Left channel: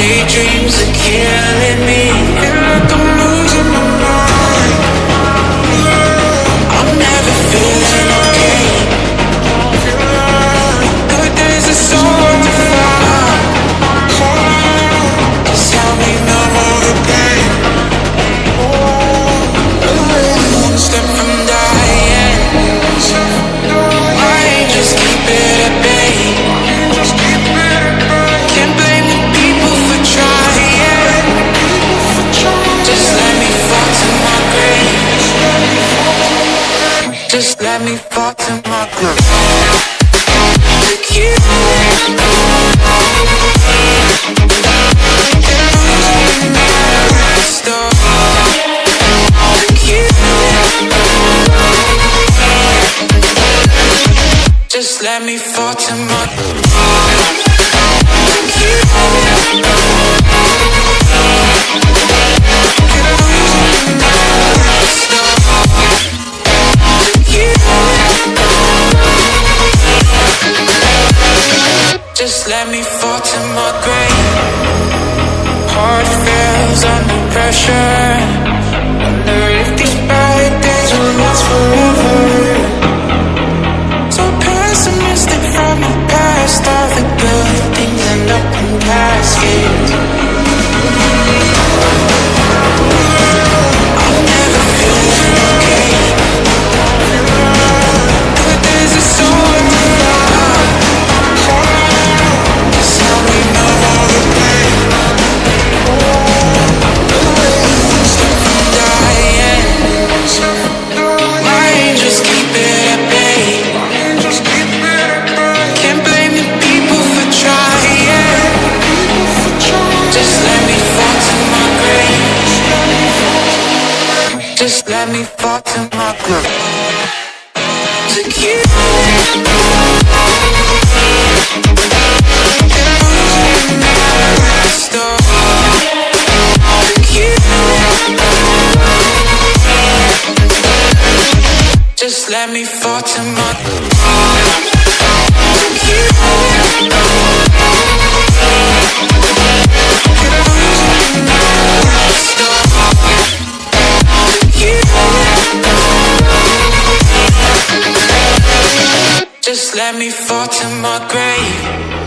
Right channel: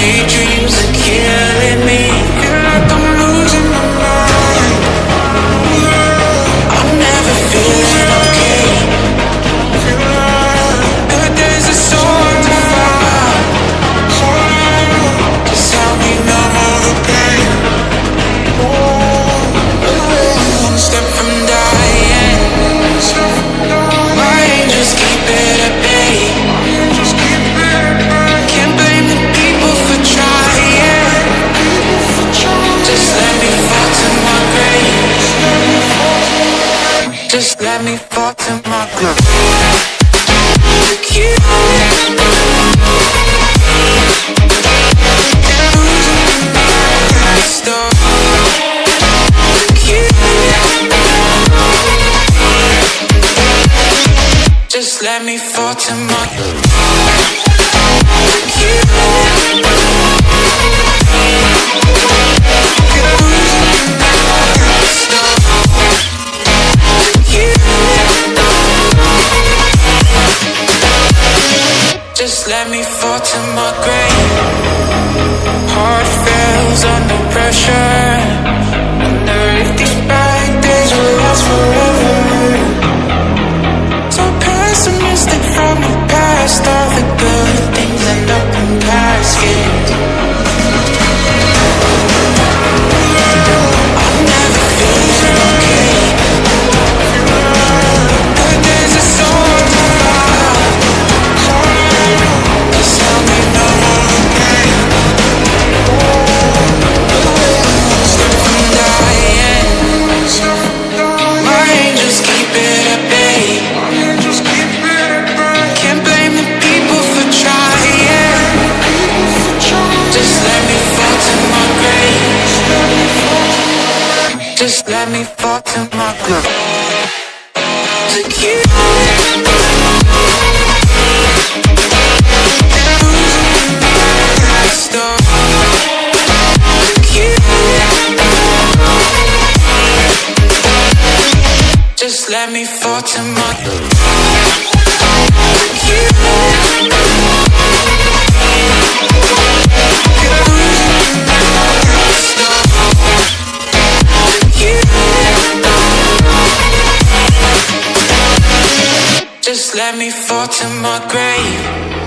Daydreams are killing me. Feel like I'm losing my mind. I'm never feeling okay. Good days are so hard to find. Just help me numb all the pain. I'm only one step from dying. My angels keep it at bay. Can't blame the people for trying. Just let me fall to my grave. Just let me fall to my grave. To kill it. And losing my mind at the start. To kill it. Just let me fall to my grave. Just let me fall to my grave. Heart fails under pressure. Wonder if these bad days will last forever. So pessimistic from the past. All the good things end up in caskets. I'm never feeling okay. Good days are so hard to find. Just help me numb all the pain. I'm one step from dying. My angels keep it at bay. Can't blame the people for trying. Just let me fall to my grave. Just let me fall to my grave. To kill it. And losing my mind at the start. To kill it. Just let me fall to my grave. To kill it. And losing my mind at the start. To kill it. Just let me fall to my grave.